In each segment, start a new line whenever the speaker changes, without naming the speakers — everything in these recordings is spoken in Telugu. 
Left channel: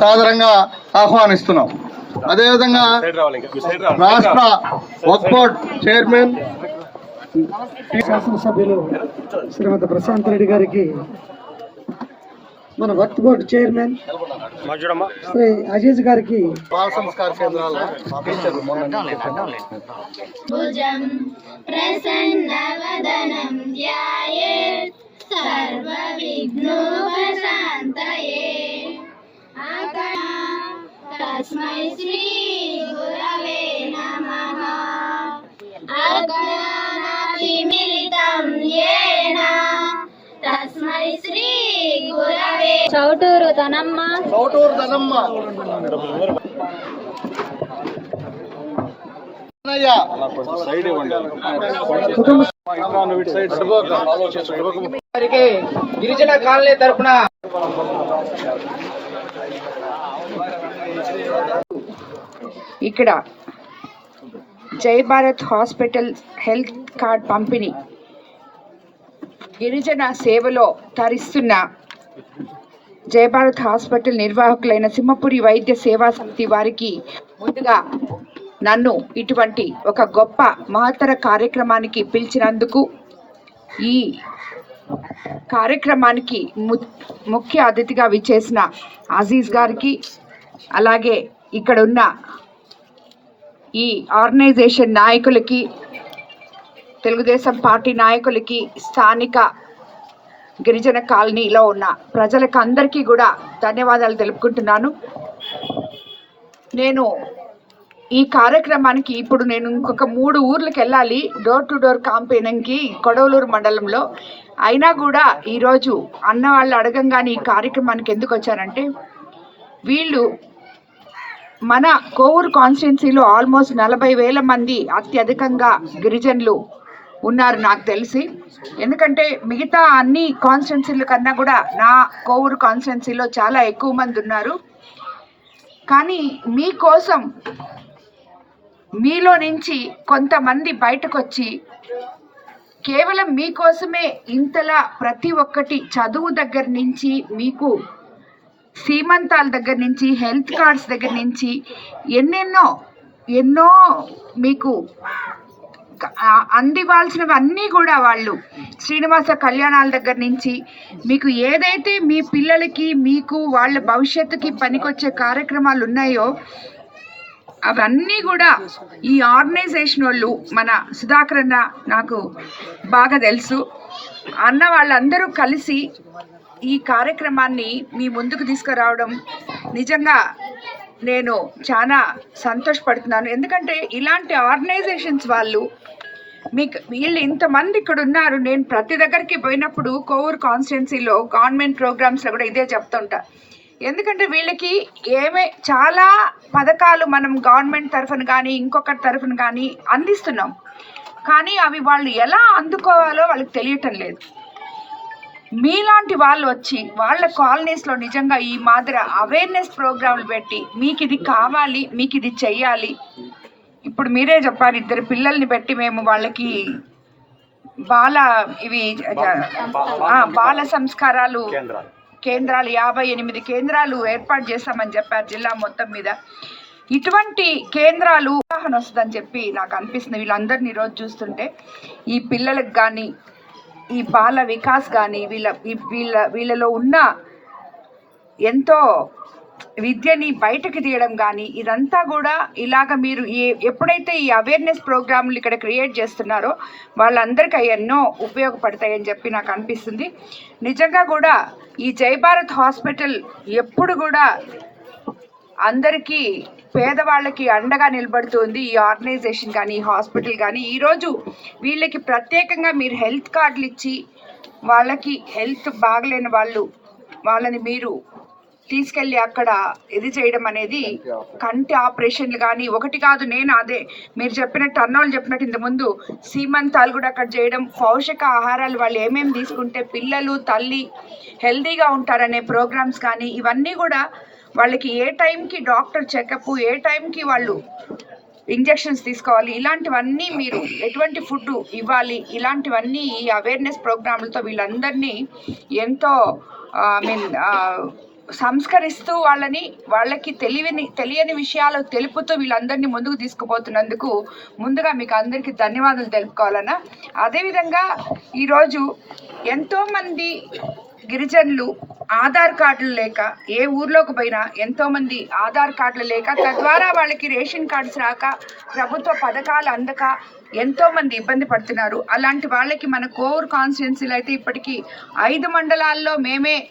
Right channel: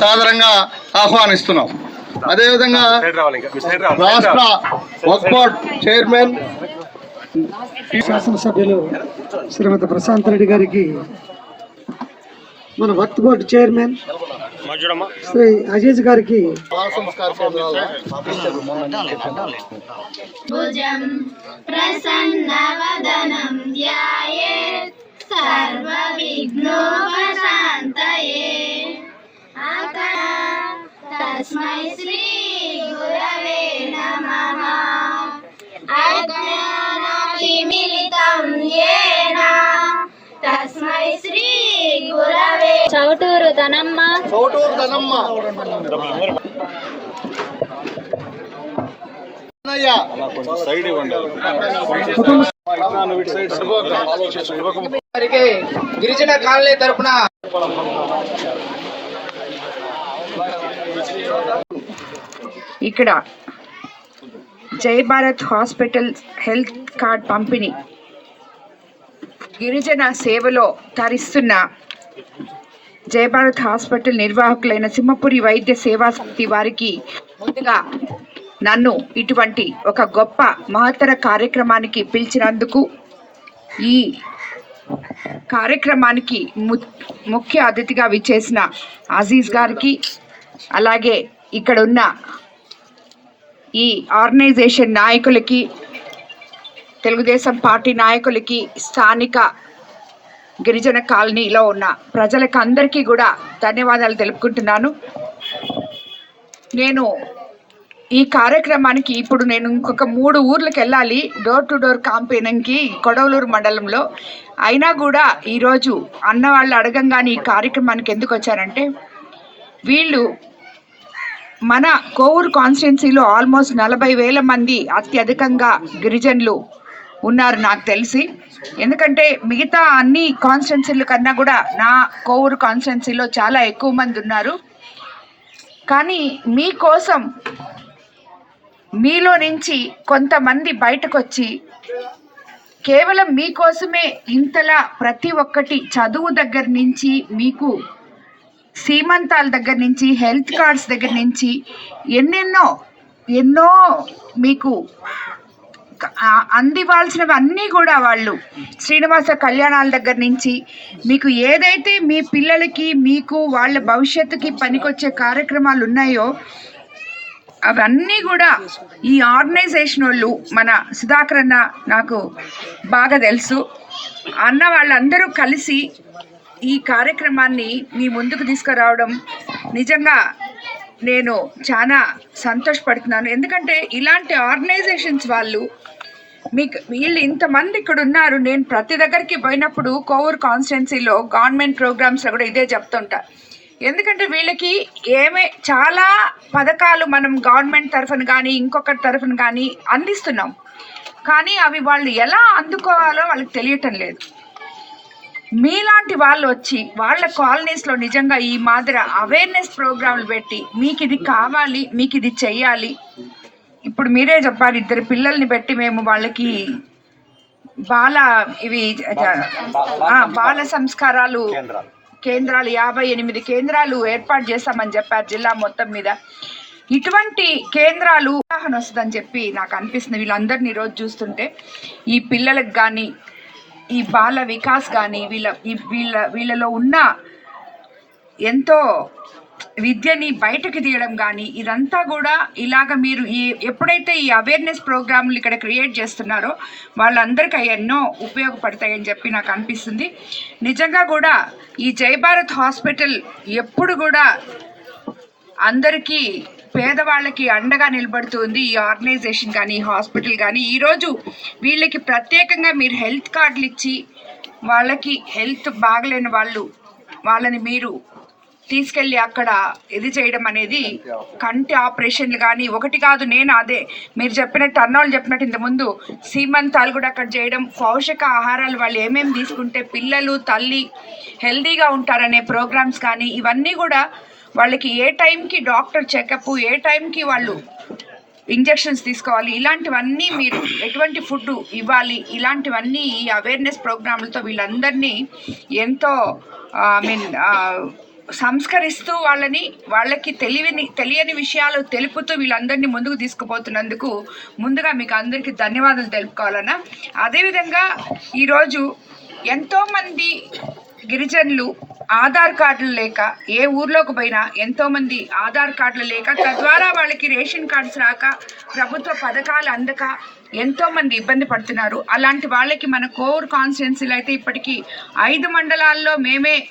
సాదరంగా ఆహ్వానిస్తున్నాం. అదేవిధంగా రాష్ట్ర వక్ఫ్ బోర్డ్ చైర్మన్
శాసనసభ్యులు శ్రీమతి ప్రశాంత్ రెడ్డి గారికి మన వక్త్ బోర్డు చైర్మన్ శ్రీ అజీజ్ గారికి
ధ్యాయేత్. సర్వవిఘ్నోపశాంతయే. అకణ తస్మై శ్రీ గురవే నమః. అజ్ఞానతిమిలితం యేన తస్మై శ్రీ గురవే. చౌటూరు తనమ్మ
చౌటూరు ధనమ్మ అన్నయ్య.
వారికి గిరిజన కాలనీ తరఫున
ఇక్కడ జై భారత్ హాస్పిటల్ హెల్త్ కార్డ్ పంపిణీ గిరిజన సేవలో తరిస్తున్న జై భారత్ హాస్పిటల్ నిర్వాహకులైన సింహపురి వైద్య సేవా సమితి వారికి ముందుగా నన్ను ఇటువంటి ఒక గొప్ప మహత్తర కార్యక్రమానికి పిలిచినందుకు ఈ కార్యక్రమానికి ము- ముఖ్య అతిథిగా విచ్చేసిన అజీజ్ గారికి అలాగే ఇక్కడ ఉన్న ఈ ఆర్గనైజేషన్ నాయకులకి తెలుగుదేశం పార్టీ నాయకులకి స్థానిక గిరిజన కాలనీలో ఉన్న ప్రజలకు అందరికీ కూడా ధన్యవాదాలు తెలుపుకుంటున్నాను. నేను ఈ కార్యక్రమానికి ఇప్పుడు నేను ఇంకొక మూడు ఊర్లకు వెళ్ళాలి. డోర్ టు డోర్ క్యాంపెయినింగ్కి కొడవలూరు మండలంలో. అయినా కూడా ఈరోజు అన్న వాళ్ళు అడగంగానే ఈ కార్యక్రమానికి ఎందుకు వచ్చారంటే వీళ్ళు మన కోవూరు కాన్స్టిట్యున్సీలో ఆల్మోస్ట్ నలభై వేల మంది అత్యధికంగా గిరిజనులు ఉన్నారు నాకు తెలిసి. ఎందుకంటే మిగతా అన్ని కాన్స్టిట్యున్సీల కన్నా కూడా నా కోవూరు కాన్స్టిట్యున్సీలో చాలా ఎక్కువ మంది ఉన్నారు. కానీ మీకోసం మీలో నుంచి కొంతమంది బయటకు వచ్చి కేవలం మీకోసమే ఇంతలా ప్రతి ఒక్కటి చదువు దగ్గర నుంచి మీకు సీమంతాల దగ్గర నుంచి హెల్త్ కార్డ్స్ దగ్గర నుంచి ఎన్నెన్నో ఎన్నో మీకు ఆ- అందివ్వాల్సినవి అన్నీ కూడా వాళ్ళు శ్రీనివాస కళ్యాణాల దగ్గర నుంచి మీకు ఏదైతే మీ పిల్లలకి మీకు వాళ్ళ భవిష్యత్తుకి పనికొచ్చే కార్యక్రమాలు ఉన్నాయో అవన్నీ కూడా ఈ ఆర్గనైజేషన్ వాళ్ళు మన సుధాకర్ అన్న నాకు బాగా తెలుసు. అన్న వాళ్ళందరూ కలిసి ఈ కార్యక్రమాన్ని మీ ముందుకు తీసుకురావడం నిజంగా నేను చాలా సంతోషపడుతున్నాను. ఎందుకంటే ఇలాంటి ఆర్గనైజేషన్స్ వాళ్ళు మీకు వీళ్ళు ఇంతమంది ఇక్కడ ఉన్నారు. నేను ప్రతి దగ్గరికి పోయినప్పుడు కోవూర్ కాన్స్టిట్యున్సీలో గవర్నమెంట్ ప్రోగ్రామ్స్లో కూడా ఇదే చెప్తుంటా. ఎందుకంటే వీళ్ళకి ఏమే చాలా పథకాలు మనం గవర్నమెంట్ తరఫున కానీ ఇంకొకటి తరఫున కానీ అందిస్తున్నాం. కానీ అవి వాళ్ళు ఎలా అందుకోవాలో వాళ్ళకి తెలియటం లేదు. మీలాంటి వాళ్ళు వచ్చి వాళ్ళ కాలనీస్లో నిజంగా ఈ మాదిరి అవేర్నెస్ ప్రోగ్రాంలు పెట్టి మీకు ఇది కావాలి మీకు ఇది చెయ్యాలి. ఇప్పుడు మీరే చెప్పారు ఇద్దరు పిల్లల్ని పెట్టి మేము వాళ్ళకి బాల ఇవి బాల సంస్కారాలు కేంద్రాలు యాభై ఎనిమిది కేంద్రాలు ఏర్పాటు చేస్తామని చెప్పారు జిల్లా మొత్తం మీద. ఇటువంటి కేంద్రాలు ఉదాహరణ వస్తుందని చెప్పి నాకు అనిపిస్తుంది. వీళ్ళందరినీ ఈరోజు చూస్తుంటే ఈ పిల్లలకు కానీ ఈ బాల వికాస్ కానీ వీళ్ళ వీళ్ళ వీళ్ళలో ఉన్న ఎంతో విద్యని బయటకు తీయడం కానీ ఇదంతా కూడా ఇలాగ మీరు ఏ ఎప్పుడైతే ఈ అవేర్నెస్ ప్రోగ్రాంలు ఇక్కడ క్రియేట్ చేస్తున్నారో వాళ్ళందరికీ ఎన్నో ఉపయోగపడతాయని చెప్పి నాకు అనిపిస్తుంది. నిజంగా కూడా ఈ జై భారత్ హాస్పిటల్ ఎప్పుడు కూడా అందరికీ పేదవాళ్ళకి అండగా నిలబడుతుంది. ఈ ఆర్గనైజేషన్ కానీ ఈ హాస్పిటల్ కానీ ఈరోజు వీళ్ళకి ప్రత్యేకంగా మీరు హెల్త్ కార్డులు ఇచ్చి వాళ్ళకి హెల్త్ బాగలేని వాళ్ళు వాళ్ళని మీరు తీసుకెళ్ళి అక్కడ ఇది చేయడం అనేది కంటి ఆపరేషన్లు కానీ ఒకటి కాదు నేను అదే. మీరు చెప్పినట్టు అన్నోళ్ళు చెప్పినట్టు ఇంతకుముందు సీమంతాలు కూడా అక్కడ చేయడం పౌషక ఆహారాలు వాళ్ళు ఏమేమి తీసుకుంటే పిల్లలు తల్లి హెల్దీగా ఉంటారనే ప్రోగ్రామ్స్ కానీ ఇవన్నీ కూడా వాళ్ళకి ఏ టైంకి డాక్టర్ చెకప్ ఏ టైంకి వాళ్ళు ఇంజెక్షన్స్ తీసుకోవాలి ఇలాంటివన్నీ మీరు ఎటువంటి ఫుడ్ ఇవ్వాలి ఇలాంటివన్నీ ఈ అవేర్నెస్ ప్రోగ్రాంలతో వీళ్ళందరినీ ఎంతో ఐ మీన్ సంస్కరిస్తూ వాళ్ళని వాళ్ళకి తెలియని తెలియని విషయాలు తెలుపుతూ వీళ్ళందరినీ ముందుకు తీసుకుపోతున్నందుకు ముందుగా మీకు అందరికీ ధన్యవాదాలు తెలుపుకోవాలన్నా. అదేవిధంగా ఈరోజు ఎంతోమంది గిరిజనులు ఆధార్ కార్డులు లేక ఏ ఊర్లోకి పోయినా ఎంతోమంది ఆధార్ కార్డులు లేక తద్వారా వాళ్ళకి రేషన్ కార్డ్స్ రాక ప్రభుత్వ పథకాలు అందక ఎంతోమంది ఇబ్బంది పడుతున్నారు. అలాంటి వాళ్ళకి మన కోర్ కాన్స్టిట్యున్సీలో అయితే ఇప్పటికీ ఐదు మండలాల్లో మేమే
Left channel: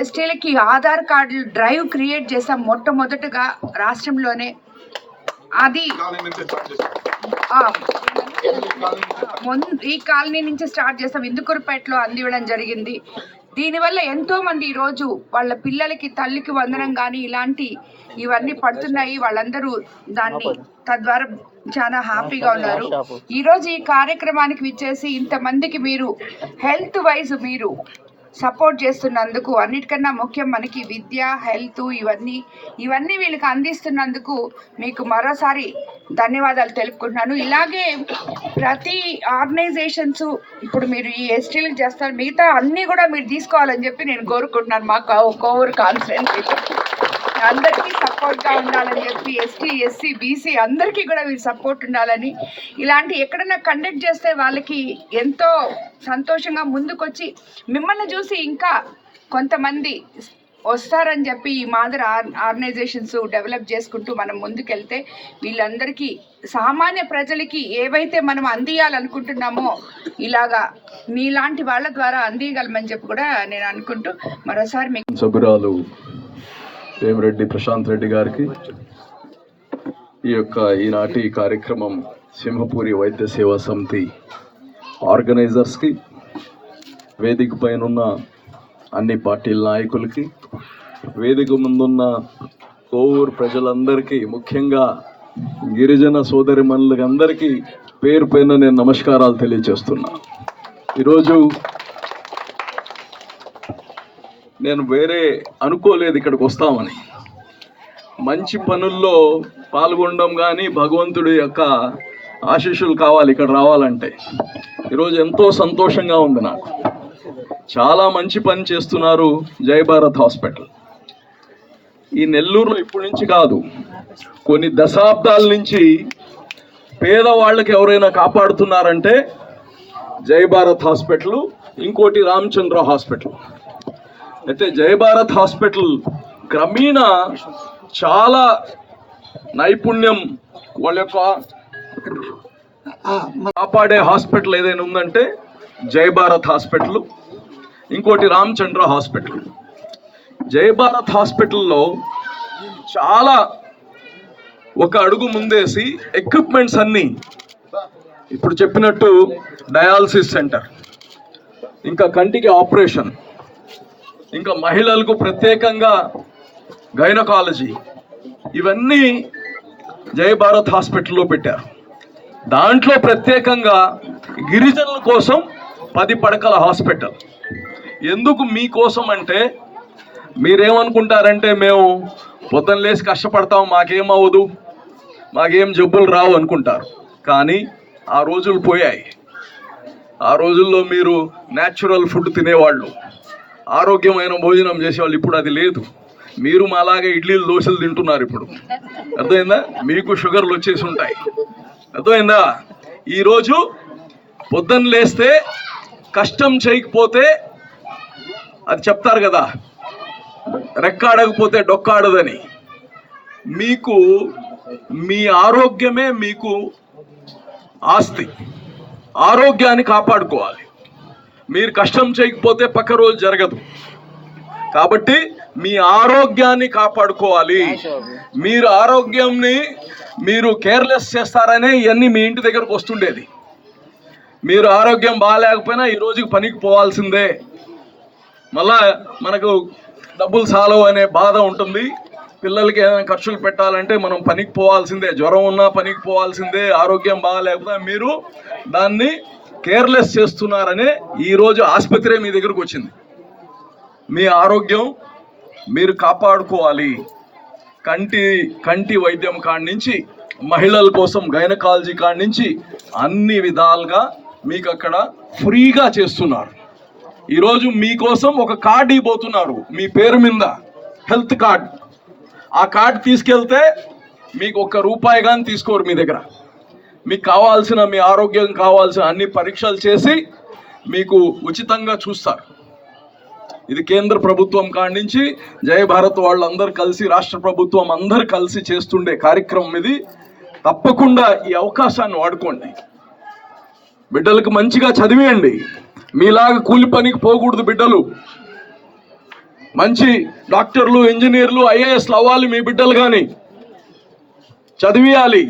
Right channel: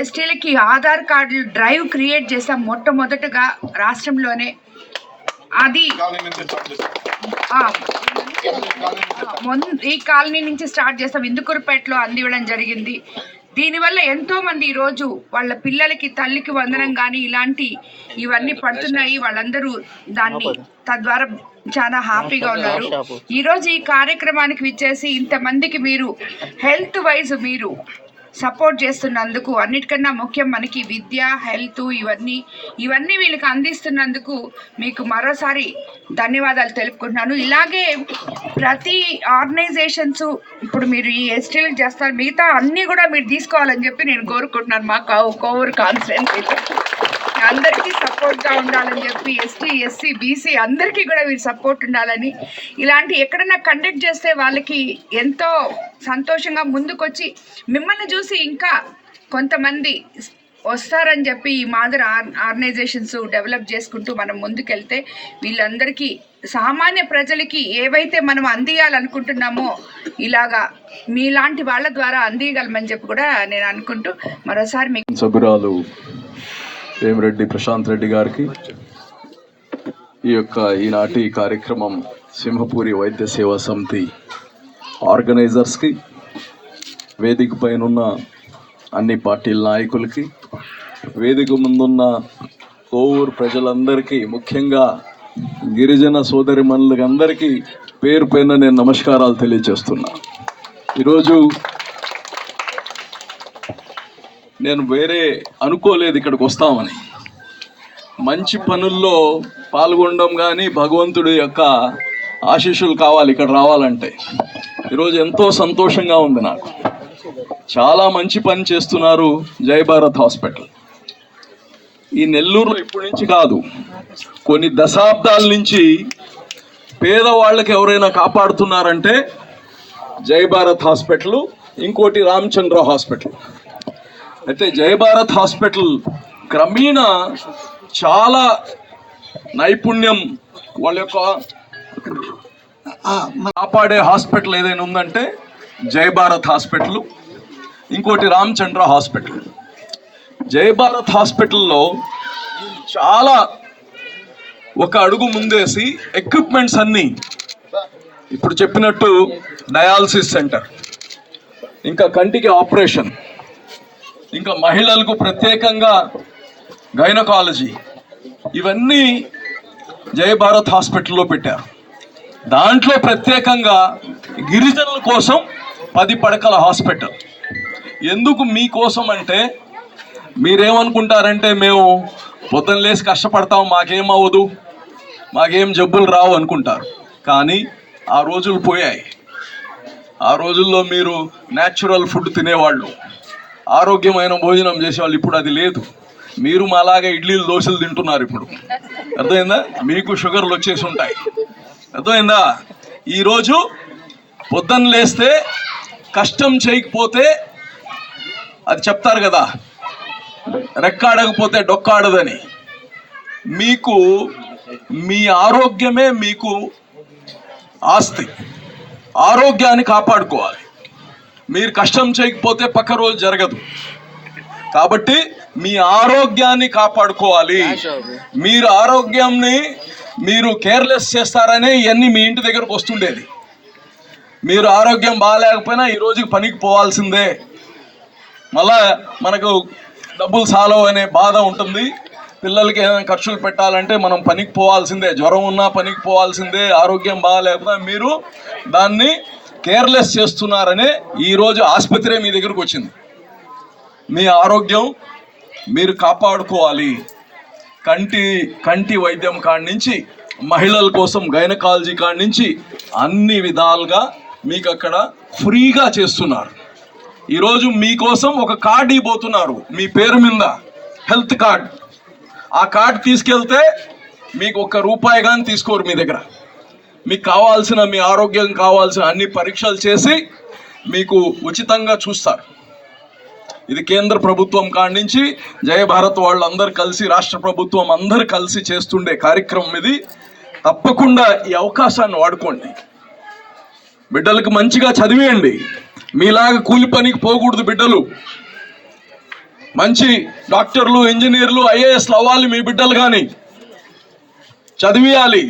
ఎస్టీలకి ఆధార్ కార్డులు డ్రైవ్ క్రియేట్ చేసాం మొట్టమొదటగా రాష్ట్రంలోనే. అది ఈ కాలనీ నుంచి స్టార్ట్ చేస్తాం ఇందుకూరుపేటలో అందివ్వడం జరిగింది. దీనివల్ల ఎంతో మంది ఈరోజు వాళ్ళ పిల్లలకి తల్లికి వందనం కానీ ఇలాంటి ఇవన్నీ పడుతున్నాయి. వాళ్ళందరూ దాన్ని తద్వారా చాలా హ్యాపీగా ఉన్నారు. ఈరోజు ఈ కార్యక్రమానికి విచ్చేసి ఇంతమందికి మీరు హెల్త్ వైజ్ మీరు సపోర్ట్ చేస్తున్నందుకు అన్నిటికన్నా ముఖ్యం మనకి విద్య హెల్త్ ఇవన్నీ ఇవన్నీ వీళ్ళకి అందిస్తున్నందుకు మీకు మరోసారి ధన్యవాదాలు తెలుపుకుంటున్నాను. ఇలాగే ప్రతి ఆర్గనైజేషన్స్ ఇప్పుడు మీరు ఈ ఎస్టీలకు చేస్తారు మిగతా అన్నీ కూడా మీరు తీసుకోవాలని చెప్పి నేను కోరుకుంటున్నాను. మా కో- కోవూరు కాన్స్టిట్యున్సీలో అందరికీ సపోర్ట్గా ఉండాలని చెప్పి ఎస్టీ ఎస్సీ బీసీ అందరికీ కూడా వీరు సపోర్ట్ ఉండాలని. ఇలాంటి ఎక్కడన్నా కండక్ట్ చేస్తే వాళ్ళకి ఎంతో సంతోషంగా ముందుకొచ్చి మిమ్మల్ని చూసి ఇంకా కొంతమంది వస్తారని చెప్పి ఈ మాదిరి ఆర్ ఆర్గనైజేషన్స్ డెవలప్ చేసుకుంటూ మనం ముందుకెళ్తే వీళ్ళందరికీ సామాన్య ప్రజలకి ఏవైతే మనం అందియాలనుకుంటున్నామో ఇలాగా మీలాంటి వాళ్ళ ద్వారా అందియగలమని చెప్పి కూడా నేను అనుకుంటూ మరోసారి మీకు
సభ్యురాలు వేమిరెడ్డి ప్రశాంత్ రెడ్డి గారికి. ఈ యొక్క ఈనాటి కార్యక్రమం సింహపూరి వైద్య సేవా సమితి ఆర్గనైజర్స్కి వేదిక పైన ఉన్న అన్ని పార్టీల నాయకులకి వేదిక ముందున్న కోవూరు ప్రజలందరికీ ముఖ్యంగా గిరిజన సోదరి అందరికీ పేరు పైన నేను నమస్కారాలు తెలియజేస్తున్నా. ఈరోజు నేను వేరే అనుకోలేదు ఇక్కడికి వస్తామని. మంచి పనుల్లో పాల్గొనడం కానీ భగవంతుడి యొక్క ఆశీస్సులు కావాలి ఇక్కడ రావాలంటే. ఈరోజు ఎంతో సంతోషంగా ఉంది నాకు. చాలా మంచి పని చేస్తున్నారు జై భారత్ హాస్పిటల్. ఈ నెల్లూరులో ఇప్పటి నుంచి కాదు కొన్ని దశాబ్దాల నుంచి పేదవాళ్ళకి ఎవరైనా కాపాడుతున్నారంటే జై భారత్ హాస్పిటల్ ఇంకోటి రామచంద్ర హాస్పిటల్. అయితే జయ భారత్ హాస్పిటల్ క్రమేణ చాలా నైపుణ్యం వాళ్ళ యొక్క కాపాడే హాస్పిటల్ ఏదైనా ఉందంటే జయ భారత్ హాస్పిటల్. ఇంకోటి రామచంద్ర హాస్పిటల్. జయ భారత్ హాస్పిటల్లో చాలా ఒక అడుగు ముందేసి ఎక్విప్మెంట్స్ అన్నీ. ఇప్పుడు చెప్పినట్టు డయాలసిస్ సెంటర్. ఇంకా కంటికి ఆపరేషన్. ఇంకా మహిళలకు ప్రత్యేకంగా గైనకాలజీ. ఇవన్నీ జయ భారత్ హాస్పిటల్లో పెట్టారు. దాంట్లో ప్రత్యేకంగా గిరిజనుల కోసం పది పడకల హాస్పిటల్. ఎందుకు మీకోసం అంటే మీరేమనుకుంటారంటే మేము పొద్దున్న లేసి కష్టపడతాం మాకేమవ్వదు మాకేం జబ్బులు రావు అనుకుంటారు. కానీ ఆ రోజులు పోయాయి. ఆ రోజుల్లో మీరు న్యాచురల్ ఫుడ్ తినేవాళ్ళు. ఆరోగ్యమైన భోజనం చేసేవాళ్ళు ఇప్పుడు అది లేదు. మీరు మాలాగా ఇడ్లీలు దోశలు తింటున్నారు ఇప్పుడు. అర్థమైందా? మీకు షుగర్లు వచ్చేసి ఉంటాయి. అర్థమైందా? ఈరోజు పొద్దున్న లేస్తే కష్టం చేయకపోతే అది చెప్తారు కదా రెక్కాడకపోతే డొక్కాడదని. మీకు మీ ఆరోగ్యమే మీకు ఆస్తి. ఆరోగ్యాన్ని కాపాడుకోవాలి. మీరు కష్టం చేయకపోతే పక్క రోజు జరగదు. కాబట్టి మీ ఆరోగ్యాన్ని కాపాడుకోవాలి. మీరు ఆరోగ్యాన్ని మీరు కేర్లెస్ చేస్తారని ఇవన్నీ మీ ఇంటి దగ్గరకు వస్తుండేది. మీరు ఆరోగ్యం బాగాలేకపోయినా ఈ రోజుకి పనికి పోవాల్సిందే. మళ్ళా మనకు డబ్బులు సాలవు అనే బాధ ఉంటుంది. పిల్లలకి ఏమైనా ఖర్చులు పెట్టాలంటే మనం పనికి పోవాల్సిందే. జ్వరం ఉన్నా పనికి పోవాల్సిందే. ఆరోగ్యం బాగాలేకపోయినా మీరు దాన్ని కేర్లెస్ చేస్తున్నారనే ఈరోజు ఆసుపత్రి మీ దగ్గరకు వచ్చింది. మీ ఆరోగ్యం మీరు కాపాడుకోవాలి. కంటి కంటి వైద్యం కాడి నుంచి మహిళల కోసం గైనకాలజీ కాడి నుంచి అన్ని విధాలుగా మీకు అక్కడ ఫ్రీగా చేస్తున్నారు. ఈరోజు మీకోసం ఒక కార్డు ఇవ్వబోతున్నారు మీ పేరు మీద హెల్త్ కార్డ్. ఆ కార్డు తీసుకెళ్తే మీకు ఒక్క రూపాయి కానీ తీసుకోరు మీ దగ్గర. మీకు కావాల్సిన మీ ఆరోగ్యం కావాల్సిన అన్ని పరీక్షలు చేసి మీకు ఉచితంగా చూస్తారు. ఇది కేంద్ర ప్రభుత్వం కాడించి జయ భారత్ వాళ్ళందరూ కలిసి రాష్ట్ర ప్రభుత్వం అందరు కలిసి చేస్తుండే కార్యక్రమం ఇది. తప్పకుండా ఈ అవకాశాన్ని వాడుకోండి. బిడ్డలకు మంచిగా చదివేయండి. మీలాగా కూలి పనికి పోకూడదు బిడ్డలు. మంచి డాక్టర్లు ఇంజనీర్లు ఐఏఎస్లు అవ్వాలి మీ బిడ్డలు కానీ చదివేయాలి.